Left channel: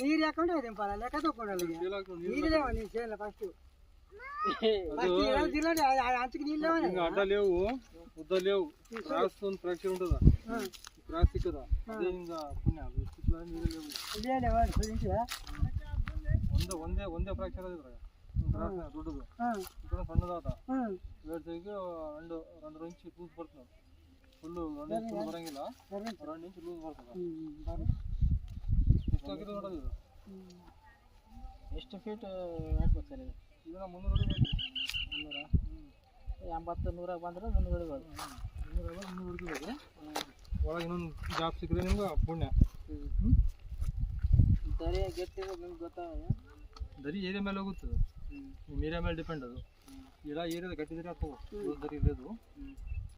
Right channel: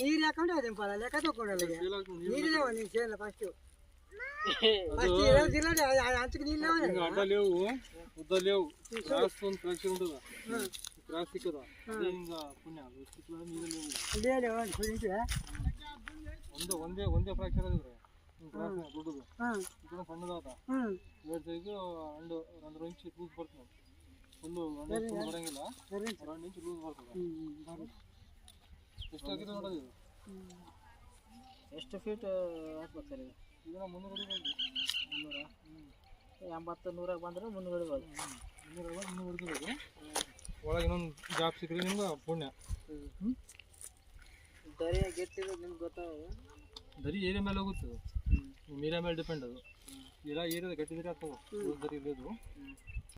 ನೀರು ಹಾಕೊಂಡು ಅದಿಂಪಲ್ಲ ಲೆಕ್ಕ ತಗೊಂಡು ನೀರಿದೆ ನೀನು ಸೇರಲ್ಲ ಫಸ್ಟ್ అంచుకు నీళ్ళు అడ్డ లేవు ఉద్ద లేవు క్రాస్ ఫ్రాక్చర్ ఉంటుందా క్రాస్ కదా అదే ఇంకా పుణ్య ಒಂದೇ ಫ್ರಾಕ್ಚರ್ ಅದಿದ್ರೆ ಕ್ರಾಸ್ ದೊಡ್ಡದು ఇక్కడ ಸಣ್ಣದಾದ ಎರಡು ಸೈಡ್ಗೆ రెండు ಇಂಚ್ ಲೂಸ್ ಬರ್ತದೆ ಫುಲ್ಲು 2 ಇಂಚ್ ಬರಂಗಿಲ್ಲ 2 ಇಂಚ್ ಲೂಸ್ ಬರ್ತದೆ ಎಷ್ಟಾಗಿದೆ ನೋಡೋದು ಇದು ಎಷ್ಟು ಫೀಟ್ ಹಾಕ್ಬೇಕು ಸರ್ ಇದು ಇದನ್ನ 300 ಅಡಿ 80 100 ಬಂದ್ರೆ 300 ಅಡಿ 300 ಹೊಡಿಬೇಕು ಒಳಗೆ ಇನ್ನೊಂದು ಜಾಬ್ ಸಿಕ್ಕರೆ ನಿಮ್ಗೆ ಪುಣ್ಯ ದರಿ ಗೆಟ್ಟಿರೋದು ನಿಮ್ಗೆ ಗೊತ್ತಾಗೋದು ದರಿ ಏರಿಯಾ ಮೇಲೆ ಹೋಗುತ್ತೆ ನಿಮ್ಮ ಏರಿಯಾ ಮೇಲೆ ಡಿಪೆಂಡ್ ಅದು ಎಲ್ಲ ಏರಿಯಾದ ಗಟ್ಟಿದ್ರೆ ಅಥವಾ ದರಿ ಇರೋದು